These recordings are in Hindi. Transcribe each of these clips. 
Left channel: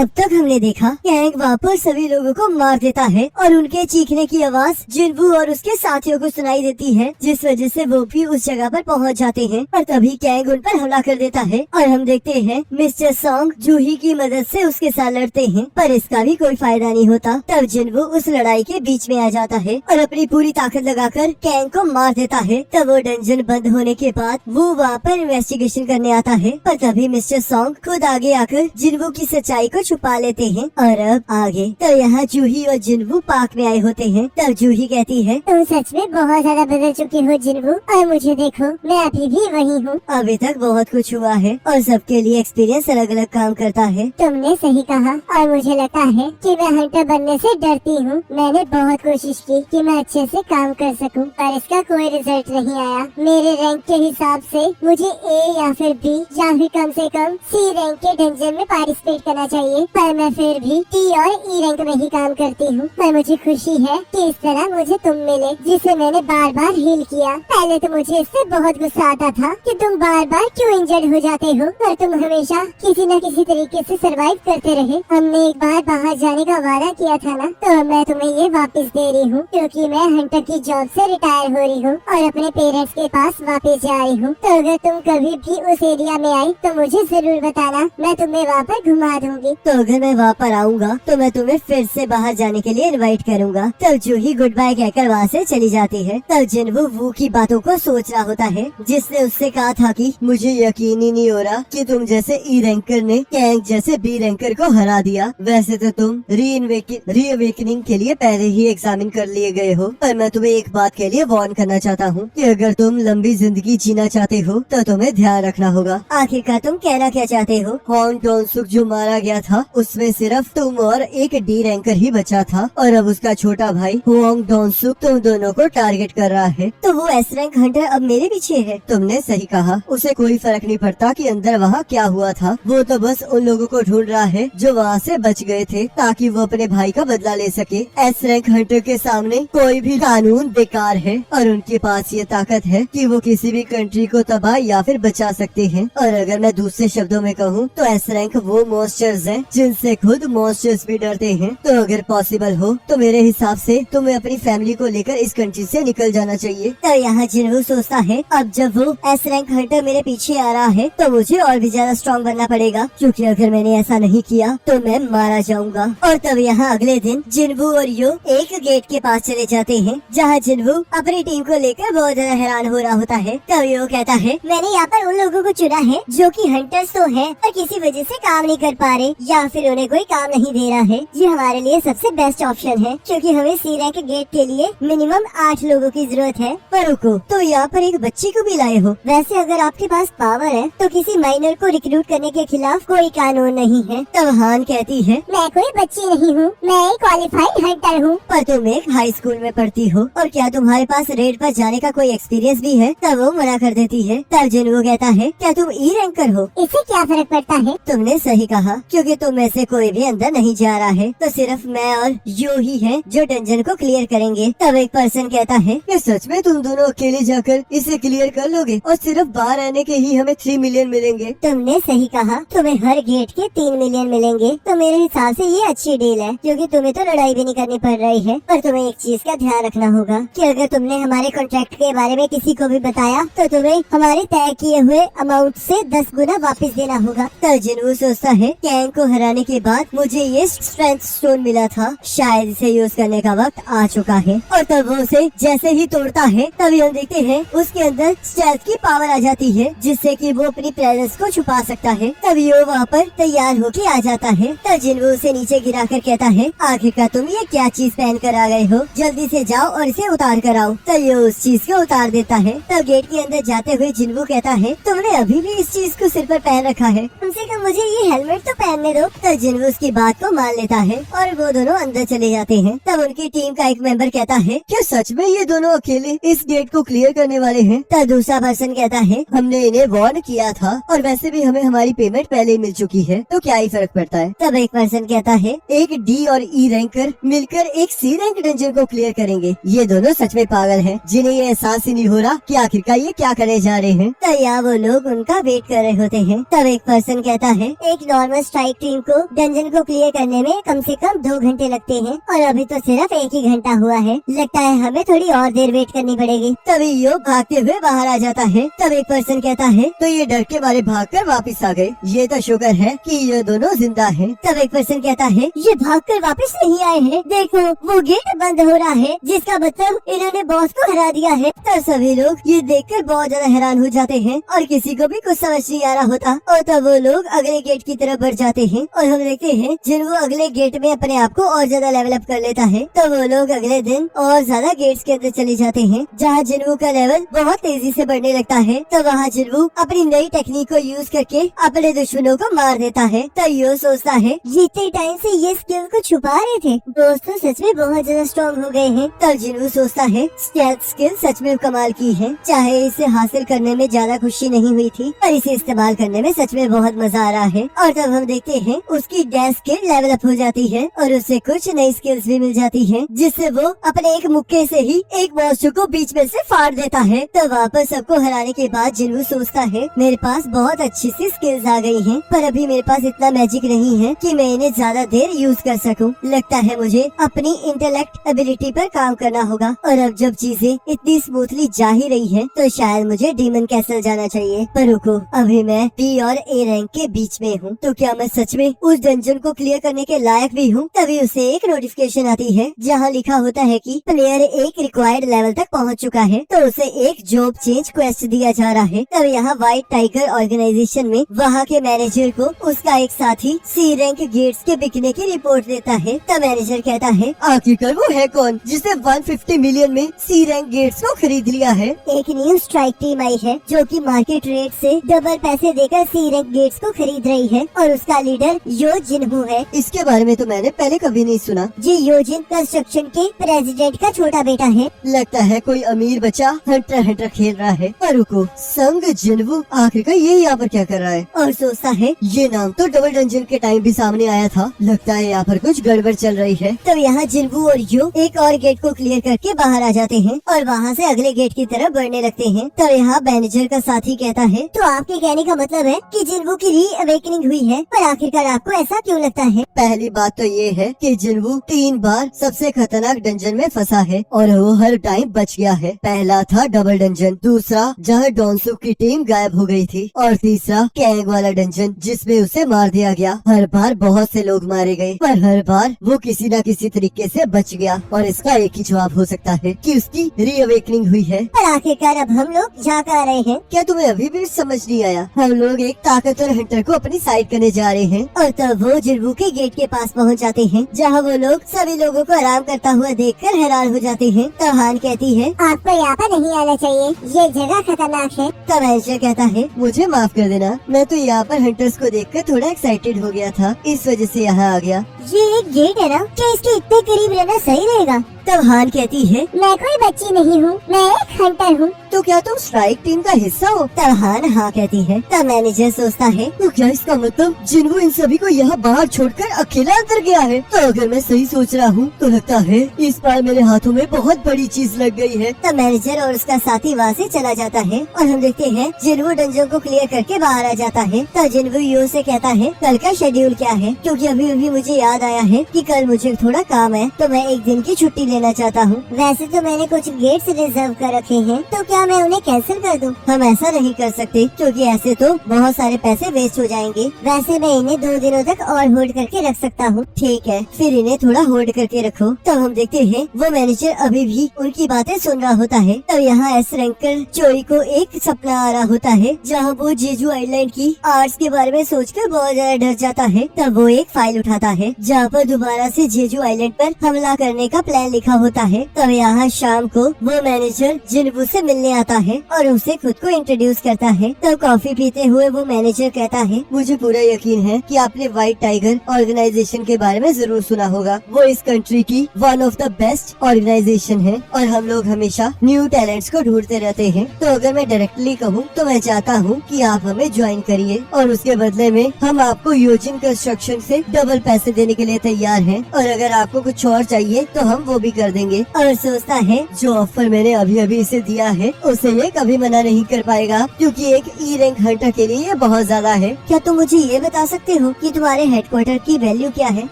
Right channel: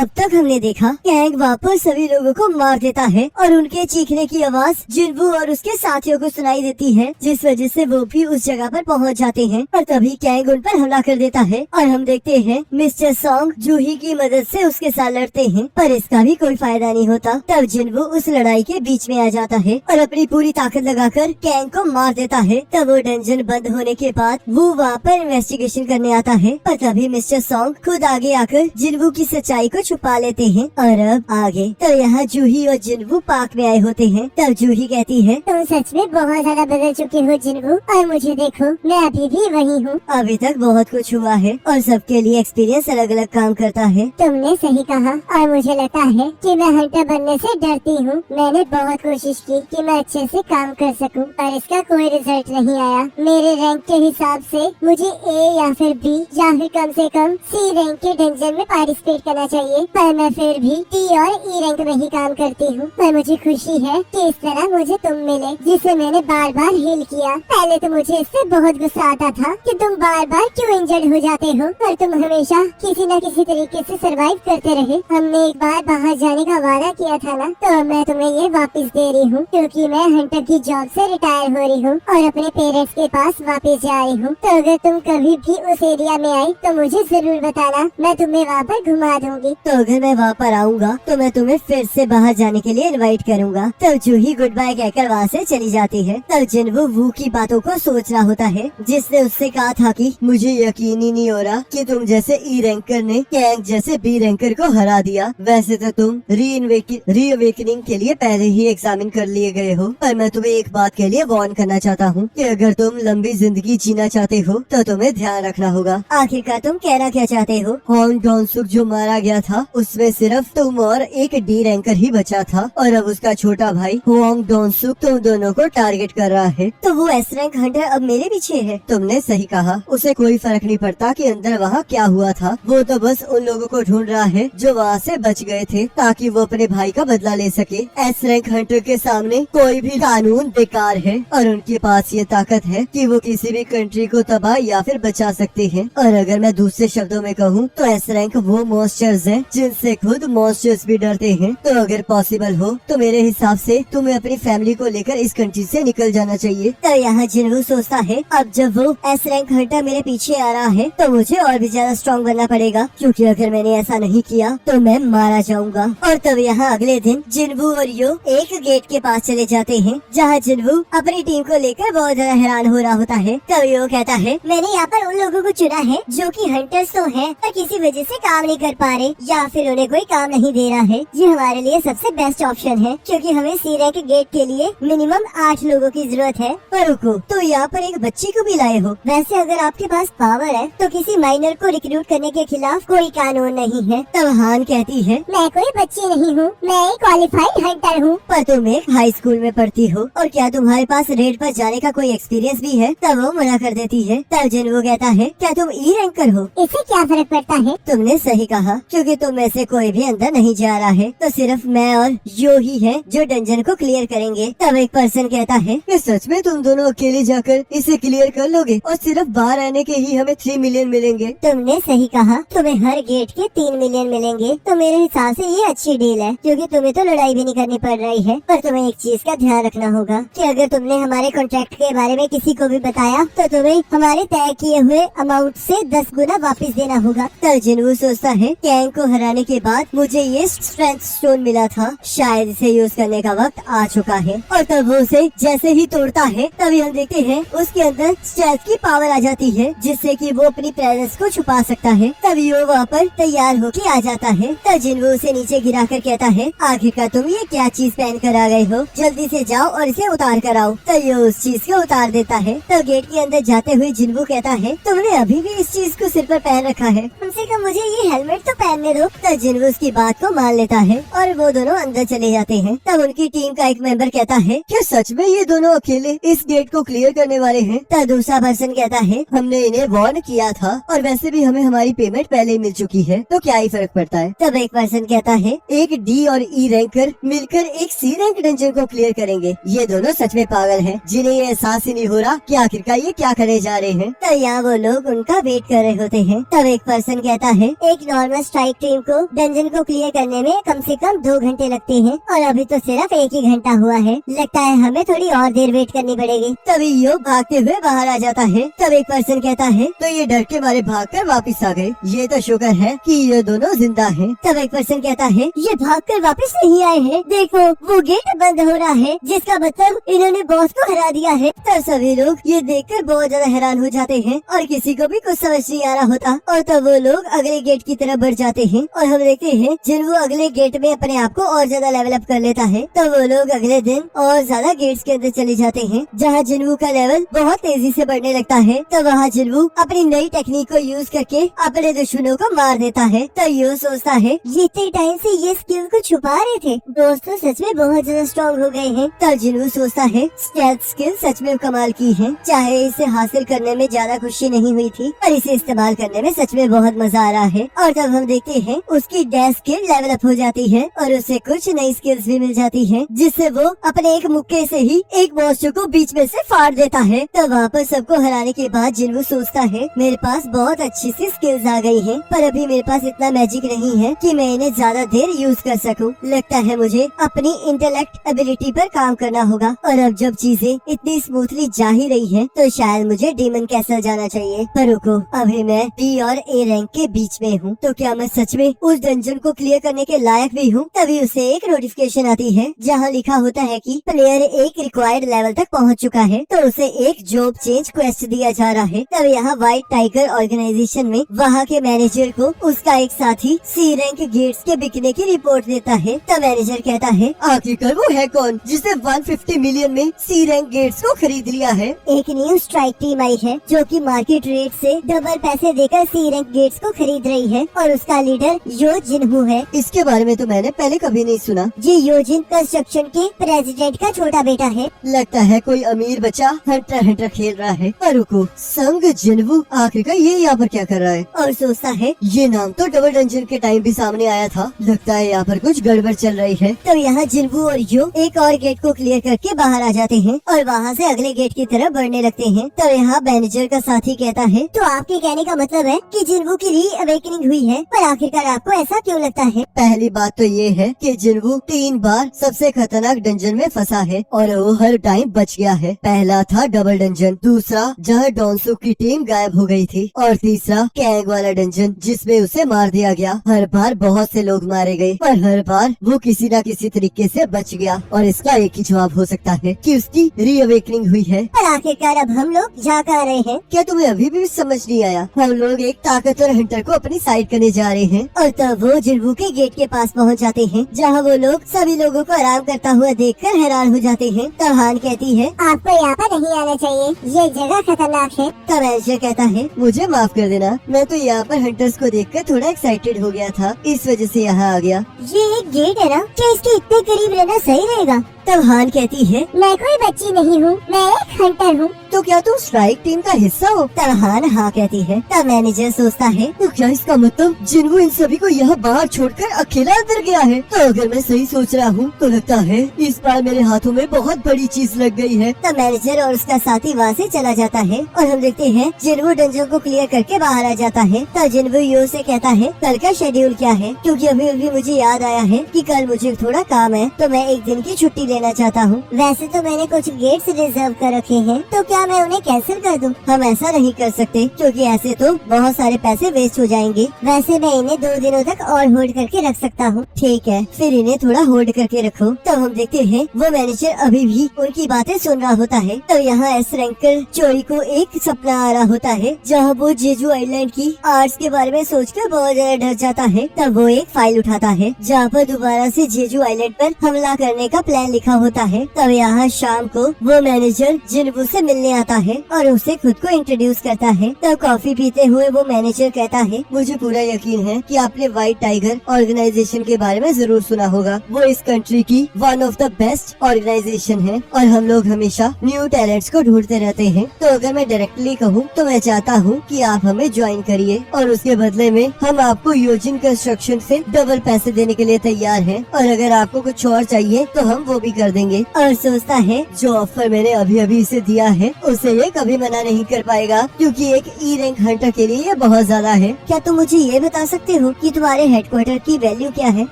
अब तक हमने देखा कैंग वापस सभी लोगों को मार देता है और उनके चीखने की आवाज जिनवू और उसके साथियों को सुनाई देती है, जिस वजह से वो भी उस जगह पर पहुंच जाते हैं और तभी कैंग उन पर हमला कर देता है और हम देखते हैं मिस्टर सॉन्ग जूही की मदद से उसके साथ लड़ते हैं, पर इसका भी कोई फायदा नहीं होता। तब जिनवू उस लड़ाई के बीच में आ जाता है और अपनी पूरी ताकत लगाकर कैंग को मार देता है। तब वो डंजन बंद होने के बाद वो वहाँ पर इन्वेस्टिगेशन करने आता है, पर तभी मिस्टर सॉन्ग खुद आगे आकर जिनवू की सच्चाई को छुपा लेते हैं। और अब आगे तो यहाँ जूही और जिनवू पार्क में आए होते हैं। तब जूही कहती है, तुम सच में बहुत ज्यादा बदल चुके हो जिनवू, और मुझे देखो मैं अभी भी वही हूँ। अभी तक बहुत कुछ हुआ है और सबके लिए एक्सपीरियंस अलग अलग काम करता है। तुमने सही कहा और मुझे लगता है कि मैं हंटर बनने से डरती हूँ। मैंने बहुत कोशिश की कि मैं अच्छे से काम कर सकूँ, पर इसका कोई रिजल्ट नहीं आया। मेरे रैंक के हिसाब से मुझे ए या फिर बी या फिर कम से कम सी रैंक के डंजन में पार्टिसिपेट करना चाहिए, पर मैं फिर भी टी और ई रैंक में ही काम करती हूँ। पर मुझे खुशी है कि इस तरह मुझे तुम मिले, जिसे मैंने बार बार हील किया। पहले तो मुझे इससे बहुत गुस्सा आता था कि तुम बार बार क्यों इंजर्ड हो जाते हो और तुम हमेशा किसी न किसी तरीके से सरवाइव करते रहे। हमने एक बार बाहर जाने का वादा किया था ना, तो मैं तुम्हें ये वापस दे रही हूँ, क्योंकि मैं हंटर की जॉब से रिटायर हो रही हूँ और अपने पेरेंट्स के पास वापस जा रही हूँ। तो अगर तुम कभी भी उस एरिया में आई तो मुझे जरूर बताना, मैं तुम्हें वहाँ पर घुमा दूंगी। तो अगर मैं वहाँ पर आऊँगा तो मैं तुम्हें फिर से बाहर जाने के लिए इनवाइट करूँगा। तब जूही गुड बाय कहकर वहाँ से चली जाती है। तब जिनवू वू की बातों को सोच रहा होता है, जिसने उससे कहा था कि मुझे यकीन ही नहीं हो रहा कि तुम जैसे ई रैंकर ने कैंग जैसे बी रैंकर को हरा दिया। वैसे तो तुम रीअवेकनिंग के लिए पहले ही एग्जामिन कर लिए गए हो, पर मैं तुम्हें एक बात के लिए वार्न करना चाहता हूँ कि अगर तुम लंबी जिंदगी जीना चाहते हो तो तुम्हें ध्यान रखना होगा। आखिरकार तुम कहना क्या चाहते हो? होंग डोनसुक जो मारा गया था उसमें सिर्फ तुम और एक डी रैंकर ही बचा था, और अब उसका छोटा भाई होंग डोनसुक तुम दोनों को टारगेट कर रहा है। तो वो एस रैंक हंटर अब मेरे पीछे है। तुमने सही कहा, उसे कोई फर्क नहीं पड़ता कि अंदर वहाँ क्या हुआ था। वो तो बस उन लोगों को ढूंढ रहा है जो वहाँ से बच गए थे, ताकि वो अपने भाई का बदला ले सके। एस रैंक हंटर के सामने कोई भी कानून बेकार है और उनके पास ये ताकत है कि वो किसी भी कंट्री को तबाह या फिर बचा सकते हैं। और अगर मैं दूसरे शब्दों में कहूँ तो एस रैंक वो मॉन्स्टर्स हैं जिनसे खुद मॉन्स्टर्स भी डरते हैं। तो अगर पॉसिबल हो तो मेरे हिसाब से तुम्हें अपनी फैमिली को लेकर इस कंट्री से निकल जाना चाहिए। तो यहाँ जिनवू सोचता है, अब जब वो एस रैंक हंटर मेरे पीछे आ रहा है तो मुझे और भी ज्यादा स्ट्रॉन्ग बनना पड़ेगा, क्योंकि अगर मैंने ऐसा नहीं किया तो मैं मारा जाऊंगा। और तब यहाँ अगले दिन जिनवू और यू एक गेट के पास चले जाते हैं, जहाँ जिनवू अपनी टीम को लेकर बहुत ज्यादा हैरान हो रहा होता है। तब यू कहता है, मैंने यहाँ पर उन लोगों को चुना है जो कि हंटर्स तो हैं, पर किसी वजह से काम नहीं कर पा रहे या फिर उन्हें कोई काम नहीं दे रहा है। ये हमारे लिए सबसे बेस्ट ऑप्शन है, क्योंकि हमें सी रैंक गेट के लिए मिनिमम 8 लोगों की जरूरत है। पर रुको, तो यहाँ पर एक बच्ची को भी लाए हो? वैसे अगर आपके पास पावर है तो किसी माइनर को रिक्रूट करने के खिलाफ कोई कानून नहीं है। तब हान कहती है, मैं कोई बच्ची नहीं हूँ, मैं एक क्वालिफाइड हंटर हूँ। पर तुम एक हाई स्कूल में पढ़ती हो और क्या तुम्हारे पास रेड पर जाने का कोई एक्सपीरियंस भी है? तब वो मना कर देती है। तब जिनवू कहता है, क्या तुम ई रैंकर हो? इससे क्या फर्क पड़ता है? तुमने सही कहा, क्योंकि तुम में से कोई भी अंदर नहीं जा रहा है, तो सिर्फ मैं और यो ही है जो डंजन को क्लियर करेंगे। तब एक पर्सन कहता है, क्या सच में तुम दोनों अकेले जाकर इसे क्लियर कर लोगे और सिर्फ बाहर आने के ही हमें 3 मिलियन मिलेंगे? तुमने सही कहा, तुम्हें हर गेट के 3 मिलियन मिलेंगे। तो मेरे हिसाब से ये अच्छी डील है, क्योंकि तुम्हें तो लड़ाई भी नहीं करनी पड़ रही है। पर तुम्हें एक चीज का ध्यान रखना होगा कि अगर तुमने हमारे कॉन्ट्रैक्ट के बारे में किसी को भी बताया तो तुम्हें हमारे तय किए हुए अमाउंट से 10 गुना वापस देना होगा। तो जिनवू सोचता है, कैंग को हराने के बाद मुझे ये स्ट्रेंथ स्टोन मिला था, शायद इसे यूज करने का वक्त आ चुका है। और तब वो उसे जैसे ही तोड़ता है तभी हम देखते हैं उसके अंदर स्टेल्थ की पावर आ जाती है, जिससे कि वो अपनी प्रेजेंस को छुपा सकता है। तभी वो वहाँ पर तैयार होके आ जाता है। तब जिनवू उसे नीचे गिरा कर कहता है, आखिरकार तुम ये क्या चीज पहन कर आ गए हो? जल्दी से जाओ और इसे उतार कर आओ। तब ये उस चीज को उतार देता है। तब गेट के अंदर जाते हुए जिनवू कहता है, तुमने अभी भी इस चीज को सिर पर पहन रखा है, कम से कम मुझे ये हेलमेट तो पहनने दो। तब जिनवू उसकी बात को मान लेता है और वो दोनों अंदर चले जाते हैं। तब उनकी टीम का एक मेंबर कहता है, क्या सच में ये दोनों अकेले इस गेट को क्लियर करने वाले हैं? तब दूसरा पर्सन कहता है, हमने इन्हें वार्न किया था और वैसे भी हमें हमारी पेमेंट पहले ही मिल चुकी है, तो क्या ही फर्क पड़ता है। तब एक पर्सन कहता है, एक डी और ई रैंकर मिलकर एक सी रैंक डंजन को क्लियर करेंगे। ये दोनों सच में पागल हैं, जिन्हें ये एहसास ही नहीं हो रहा कि आखिरकार ये क्या करने जा रहे हैं। तब यहाँ वो लोग उनका वेट कर रहे होते हैं। तब एक पर्सन कहता है, एक नॉर्मल स्ट्राइक टीम को डंजन को क्लियर करने में कम से कम 2 घंटे लगते हैं और अभी तो सिर्फ 1 ही घंटा हुआ है। लगता है हमें थोड़ी और देर वेट करनी पड़ेगी। तभी यो भागते हुए बाहर आ जाता है। तब एक पर्सन कहता है तो ये डर के मारे भागकर वापस आ गए, ये तो शुक्र है कि ये दोनों जिंदा हैं। तब एक पर्सन कहता है ये भागकर वापस नहीं आए हैं, देखो वो गेट बंद हो रहा है, जिसका मतलब इन्होंने बॉस को हरा दिया है। तब सभी लोग ये देखकर बहुत ज्यादा हैरान हो जाते हैं और किसी को भी कुछ समझ नहीं आ रहा होता। और तब वो लोग अगले गेट की तरफ बढ़ जाते हैं और हम देखते हैं जिन्वू अगले गेट में अपने आप को और ज्यादा लेवल अप कर लेता है। तो वो लोग अगले दिन और ज्यादा गेट्स के अंदर चले जाते हैं, जहाँ जिन्वू का लेवल बहुत तेजी से बढ़ने लगता है। तो वहाँ जिन्वू अपनी नई टेक्निक को यूज करके अपने दुश्मनों को मार देता है। तो यो सोचता है जितने टाइम से ये स्किल को छुपा रहे थे, दोस्त तो सच में बहुत ज्यादा स्ट्रॉन्ग हो गए हैं। तब जिन्वू सोचता है स्टेल्थ स्किल सच में कमाल की है, चाहे इसे हासिल करने में ज्यादा खुशी नहीं हुई थी पर इसे इस्तेमाल करने में सच में बहुत मजा आ रहा है। और तब हम देखते हैं उसकी डैश स्किल लेवल अप हो जाती है और उसे कुछ नई स्किल्स भी मिल जाती हैं, जिससे वो अपने एक मुक्के से ही एक मॉन्स्टर को बीच में से फाड़ देता है। तो वहाँ पर सबको हराने के बाद जिन्वू सोचता है मेरे पास बहुत अच्छी सी स्किल्स आ गई हैं, पर अभी मेरे पास इतना मैजिक नहीं है कि मैं इन्हें ज्यादा देर यूज कर सकूं। लगता है मुझे अपनी इंटेलेक्ट एबिलिटी पर काम करना होगा। और अब जब चीजें इतनी स्मूथली जा ही रही हैं, तो शायद मुझे डीमन कैसल जाना चाहिए। पर रुको, अभी मैं बी और ए रैंक के बीच में हूँ, तो क्या मैं सच में उस डंजन को क्लियर करने के लायक भी हूँ? तभी उसे एक नोटिफिकेशन आती है जहाँ लिखा होता है कि प्लेयर एक रिक्वायर्ड लेवल तक पहुँच चुका है, तो उसे एक जॉब चेंज क्वेस्ट दिया जा रहा है। तब यहाँ व्हाइट टाइगर ऑर्गेनाइजेशन में वहाँ के मैनेजर को उसका एक साथी सी रैंक गेट्स के बिकने की रिपोर्ट देता है। तब मैनेजर कहता है आखिरकार वो है कौन जिसने 150 मिलियन में सी रैंक गेट्स को खरीद लिया है? एक न्यू स्ट्राइक टीम आई है जो कि मार्केट रेट से डबल पैसे देकर सी रैंक गेट्स को खरीद रही है और उसका लीडर यो जिन्हू है। इसके बारे में तो मैंने पहले कभी नहीं सुना। जी योजिन कंस्ट्रक्शन के प्रेसिडेंट का छोटा बेटा है। लगता है कोई अमीर बच्चा हंटर हंटर खेल रहा है। और रुको, संग जिन्हू आखिरकार ये यहाँ पर क्या कर रहा है? और सोचता है ये नाम तो डबल डंजन के टाइम भी सामने आया था, लगता है यहाँ पर कुछ गड़बड़ चल रही है। तो यहाँ जिन्हू और यो एक और गेट को क्लियर करके बाहर आ जाते हैं और वहाँ से अगले गेट की तरफ बढ़ने लगते हैं। तो यहाँ मैनेजर का साथी कहता है तो आपके कहने का मतलब है कि जिन्हू की री अवेकनिंग हुई है, पर आखिरकार आपको ऐसा क्यों लगता है? पहली बात तो ये है कि जिन्हू 3 बार सबसे खतरनाक डंजन में फंसा है और वो हर टाइम बच गया है। पहला था डबल डंजन, दूसरा जहाँ डोनसुक की टीम गायब हो गई थी, और तीसरा कैंग वाला डंजन जिसमें उसे मार दिया गया। हर बार बहुत से लोग मारे गए पर हर बार वो किसी न किसी तरीके से बच गया। और इसका एक ही जवाब हो सकता है कि उसकी री अवेकनिंग हुई है। पर आखिरकार अब हम लोग यहाँ कहाँ रहे हैं? क्या तुम्हें अभी भी समझ नहीं आया? हम लोग एक ताकतवर हंटर को अपनी साइड करने जा रहे हैं। और तब वो जिन्हू के गेट के पास पहुँच जाते हैं, जहाँ वो लोग सभी लोगों को आराम करता हुआ देखकर हैरान हो जाते हैं। तो हान कहती है आपको यहाँ पर नहीं आना चाहिए, ये जगह खतरनाक है। तब ऐशा कहता है मुझे माफ कर देना, मैं तो यहाँ पर हंटर्स को देखकर थोड़ा एक्साइटेड हो गया था, इस वजह से यहाँ आ गया। ये एक गेट है ना, क्या इसके इतने करीब रहना सही रहेगा? तब हान कहती है मैं कोई बच्ची नहीं हूँ, मैं एक हंटर हूँ। तो क्या तुम स्ट्राइक टीम का हिस्सा हो? तब हान हाँ कहती है। तब मैनेजर सोचता है तो क्या इसका मतलब जिन्हू इन सभी को यहाँ बाहर छोड़कर अकेला अंदर गया है? तो अगर मैं सही सोच रहा हूँ तो लगता है इस बार मेरे हाथों में बहुत बड़ी चीज लग गई है। तब मैनेजर और उसका साथी वहाँ से चला जाता है और हम देखते हैं जिन्हू डंजन को क्लियर करके बाहर आ जाता है। तब जिन्हू यो से कहता है कल का शेड्यूल क्या है, क्योंकि अभी मुझे याद आया है कि कल मुझे थोड़ा काम है, तो मैं एक दिन की छुट्टी लेना चाहता हूँ। वैसे तो मैंने कुछ गेट्स रिजर्व कर रखे हैं, तो क्या मैं उन्हें कैंसिल कर दूं? हम ऐसा नहीं कर सकते क्योंकि ऐसे तो बहुत सारे पैसे वेस्ट हो जाएंगे। वैसे मैं इन्हें 2 दिनों तक और होल्ड करके रख सकता हूँ। ठीक है, फिर इन्हें थोड़ा होल्ड करके रखो। तो हम देखते हैं वो मैनेजर अभी भी उनकी बातें सुन रहा होता है। तो यहाँ एस रैंकर चोरी को एक सपना आ रहा होता है, जहाँ वो जेजू आइलैंड की आर्ट्स के बारे में सोचकर बहुत ज्यादा डर जाता है। तब वो एक फाइल उठाता है जहाँ पर दोबारा से जेजू आइलैंड पर हमला करने का प्लान लिखा होता है। तब यहाँ शाम को वो मैनेजर जिन्हू से मिलने आता है और उसे खुद को इंट्रोड्यूस करता है। तो कॉफी पीते हुए वो मैनेजर कहता है मुझे पूरा यकीन है कि आपने व्हाइट टाइगर ऑर्गेनाइजेशन के बारे में जरूर सुना होगा। वो इस कंट्री की one of the best organisation है और हम लोग हमेशा न्यू टैलेंट्स को ढूंढते रहते हैं। तो अगर मैं डायरेक्टली कहूँ तो मैं चाहता हूँ कि आप हमें ज्वाइन करिए और उसके बदले में हम आपको योजिन कंस्ट्रक्शन से डबल पैसे देने के लिए तैयार हैं, और अगर आपको कुछ और चाहिए तो हम वो भी भी कर देंगे और सोचता है जो ऑफर मैंने अभी अभी इसे दिया है उसे ये कभी मना नहीं कर पाएगा, क्योंकि एक ई रैंक हंटर के लिए ये बहुत ज्यादा है। क्या तुम मुझे ये बता सकते हो कि तुम्हारे हेडक्वार्टर की वैल्यू क्या है?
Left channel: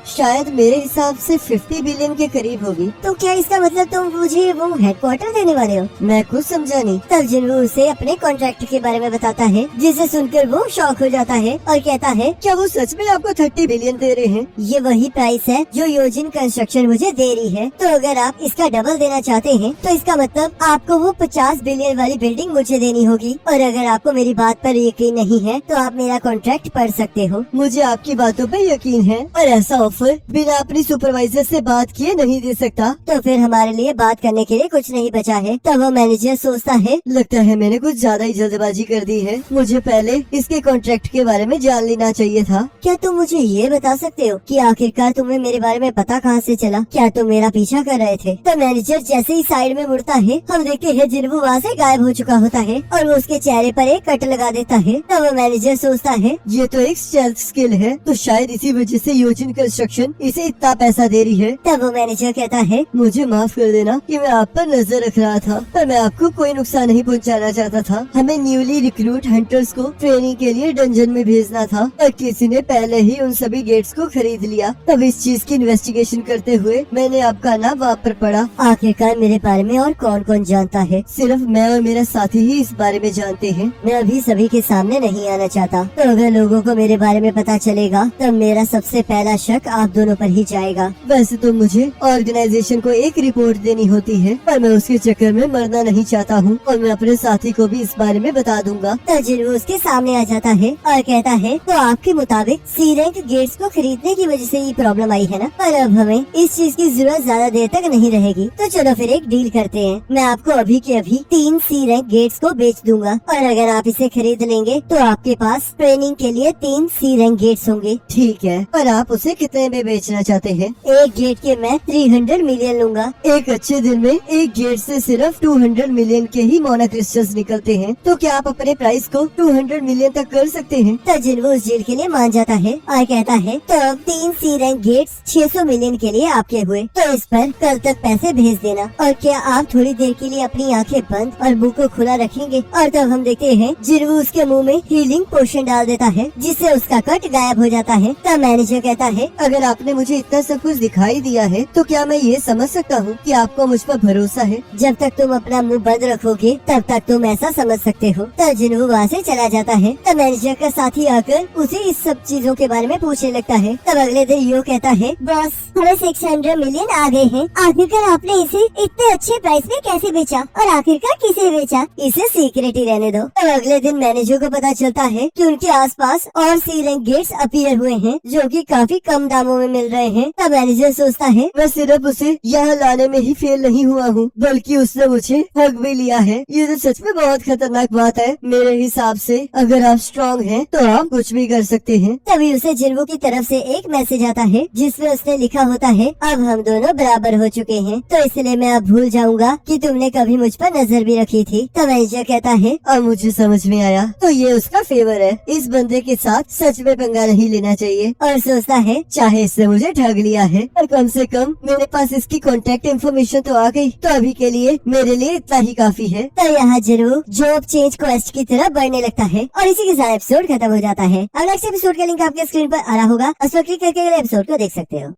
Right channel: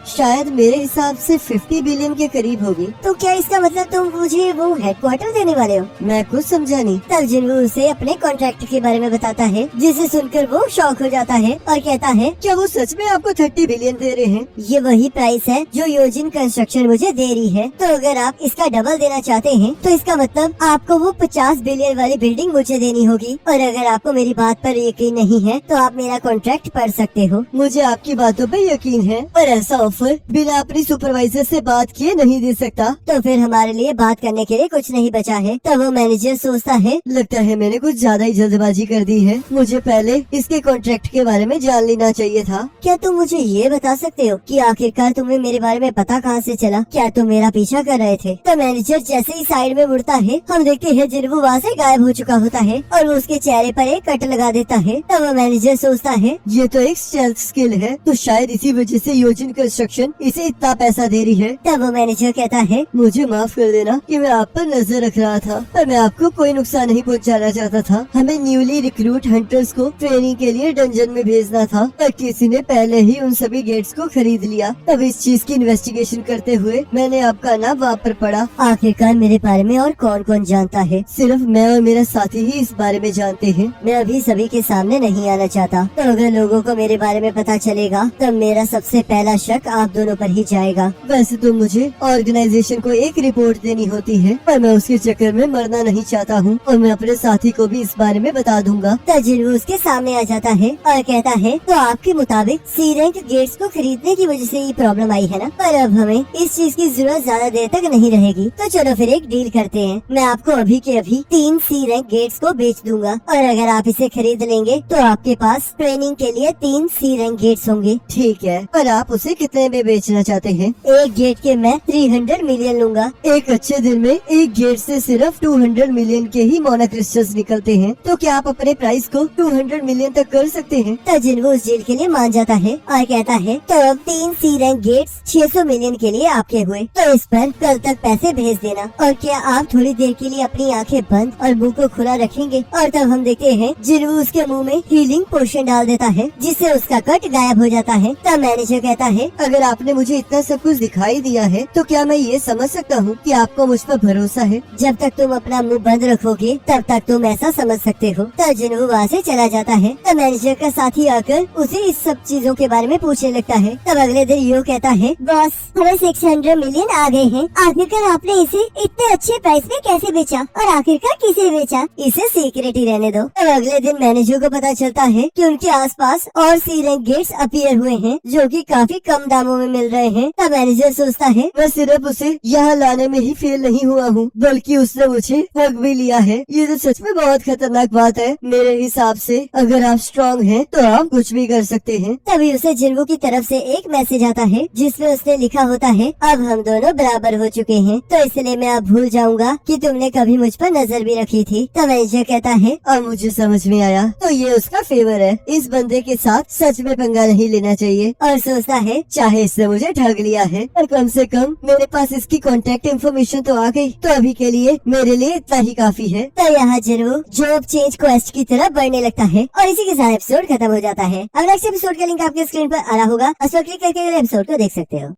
शायद मेरे हिसाब से 50 बिलियन के करीब होगी। तो क्या इसका मतलब तुम मुझे वो हेडक्वार्टर देने वाले हो? मैं कुछ समझा नहीं। तब जिन्हों उसे अपने कॉन्ट्रैक्ट के बारे में बताता है, जिसे सुनकर वो शॉक हो जाता है और कहता है क्या वो सच में आपको 30 बिलियन दे रहे हैं? ये वही प्राइस है जो योजिन कंस्ट्रक्शन मुझे दे रही है। तो अगर आप इसका डबल देना चाहते हैं तो इसका मतलब आपको वो 50 बिलियन वाली बिल्डिंग मुझे देनी होगी। और अगर आपको मेरी बात पर यकीन नहीं है तो आप मेरा कॉन्ट्रैक्ट पढ़ सकते हो। मुझे आपकी बातों पर यकीन है, पर ऐसा ऑफर बिना अपनी सुपरवाइजर से बात किए नहीं दे सकता। तो फिर हमारे लिए बात करने के लिए कुछ नहीं बचा है। तब वो मैनेजर सोचता है लगता है मैंने कुछ ज्यादा ही जल्दबाजी कर दी है, मुझे पहले इसके कॉन्ट्रैक्ट के बारे में जान लेना चाहिए था। क्या तुम मुझे ये बता सकते हो कि आखिरकार तुम्हें मेरे बारे में पता कहाँ से चला? क्या तुम मेरा पीछा कर रहे थे? तो मैनेजर जैसे ही साइड में मुड़ता है, हम देखते हैं जिन्हों वहाँ से गायब हो चुका होता है और वो उसके चेहरे पर एक कट लगा देता है। तब वो मैनेजर सोचता है ये तो एक स्टेल्थ स्किल है, तो शायद इसी वजह से योजिन कंस्ट्रक्शन इसे इतना पैसा दे रही है। तब वो मैनेजर कहता है मुझे माफ कर देना कि मैं आप पर नजर रख रहा था, पर मैं आपको कोई नुकसान नहीं पहुंचाना चाहता था। हमें न्यूली रिक्रूट हंटर्स को ट्रेनिंग के लिए डंजन में भेजना था, पर किसी ने पहले ही उन सभी गेट्स को खरीद लिया। तब इस चीज की इन्वेस्टिगेशन करते हुए मैंने आपका नाम वहाँ पर पढ़ा। आखिरकार मेरे बारे में और कौन कौन जानता है? सिर्फ मैं और मेरा साथी ही इस बारे में जानते हैं। मैं अभी सभी के सामने नहीं आना चाहता, तो अगर लोगों को मेरे बारे में पता चलेगा तब मेरा सबसे पहला शक आप दोनों पर ही जाएगा। वैसे तो मुझे ऑर्गेनाइजेशन को एक रिपोर्ट देनी होती है, पर मैं उसके चक्कर में मरना नहीं चाहता हूँ और मैं अपने साथी को भी इस बारे में बता दूंगा। तजिन उसके सामने आ जाता है और कहता है तो आपके मुताबिक सी रैंक गेट्स को खरीदने की वजह से ये प्रॉब्लम आई है ना? पर अब हमें इस चीज की जरूरत ज्यादा देर तक नहीं रहेगी, तो चलो फिर एक डील करते हैं। मैं आपको अभी के अभी 3 सी रैंक गेट्स को बेच दूंगा और अगर आप इसे खरीद लेंगे तो आपके पास ट्रेनिंग के लिए 3 सी रैंक गेट्स होंगे। ठीक है, पर आप उसे कितने में बेचना चाहते हैं? एक गेट के मैं 300 मिलियन लूंगा। एक अच्छे दिन में एक गेट से सिर्फ 200 मिलियन के ही मोना क्रिस्टल्स निकलते हैं, तो क्या आप अपने प्राइस को 200 मिलियन तक कर सकते हैं? तजिन वो उस डील के लिए मान जाता है और कहता है तो 3 सी रैंक गेट्स 600 मिलियन के लिए आपके हुए, तो इस पर कल तक पैसे भेज देना। और क्या आप थोड़ी देर के लिए अपनी आंखें बंद और मुंह को खुला रखेंगे? और तब हम देखते हैं जिन्हों उसके मुंह में हीलिंग पोशन डाल देता है, जिससे उसका कट गायब हो जाता है। तब मैनेजर कहता है अगर आपने मुझे इतना सब कुछ दिखाई दिया है तो क्या मैं ये समझ सकता हूँ कि आपको मुझ पर भरोसा है? जब तक तुम अपना मुंह बंद रखोगे तब तक तुम ऐसा समझ सकते हो। तब जिन्हों वहाँ से चला जाता है। तब मैनेजर का साथी आकर उसे इस सब चीजों के बारे में पूछने लगता है। तब अगले दिन यो कहता है बॉस हमें 600 मिलियन आ गए हैं। आखिरकार आपने इसे इतने अच्छे प्राइस में कैसे बेचा और आखिरकार किसे बेचा? इसे सीक्रेट ही रहने दो। तब अगले दिन मैनेजर को पता चलता है कि उनके आसपास और सी रैंक गेट्स अपीयर हुए हैं जो कि काफी कम दामों में मिल रहे हैं। तब मैनेजर सोचता है मैं सिर्फ उसे यहाँ लाने में ही फेल नहीं हुआ हूँ, बल्कि उसने मुझे ठग भी लिया है। ये तो सच में बहुत खतरनाक बात है। मेरे हिसाब से अगर आप स्ट्रांग हैं तो आप कुछ भी कर सकते हैं। तभी उसे जिन्वो की तरफ से एक मैसेज आता है जिसमें उसने लिखा होता है अब हम दोनों बराबर हो चुके हैं, तो इसलिए मैं अब भूल जाऊंगा कि तुमने कभी मुझ पर नजर भी रखी थी। तो मैनेजर कहता है और मुझे समझ में आया, तो ये उसका फेवर है। इस बंदे के साथ सच में पंगा नहीं लेना चाहिए। और सोचता है चाहे इसने मुझे ठग लिया है पर कम से कम मेरे पास इसकी कॉन्टेक्ट इन्फॉर्मेशन तो आ गई, तो अभी के लिए मेरे लिए इतना ही काफी है। तो यहाँ जरूर जॉब चेंज क्वेस्ट की तरफ बढ़ने लगता है और इसी के साथ एपिसोड खत्म हो जाता है। अब नेक्स्ट एपिसोड का लिंक आपके स्क्रीन पर आ रहा होगा, उस पर क्लिक करके एपिसोड को देख सकते हो।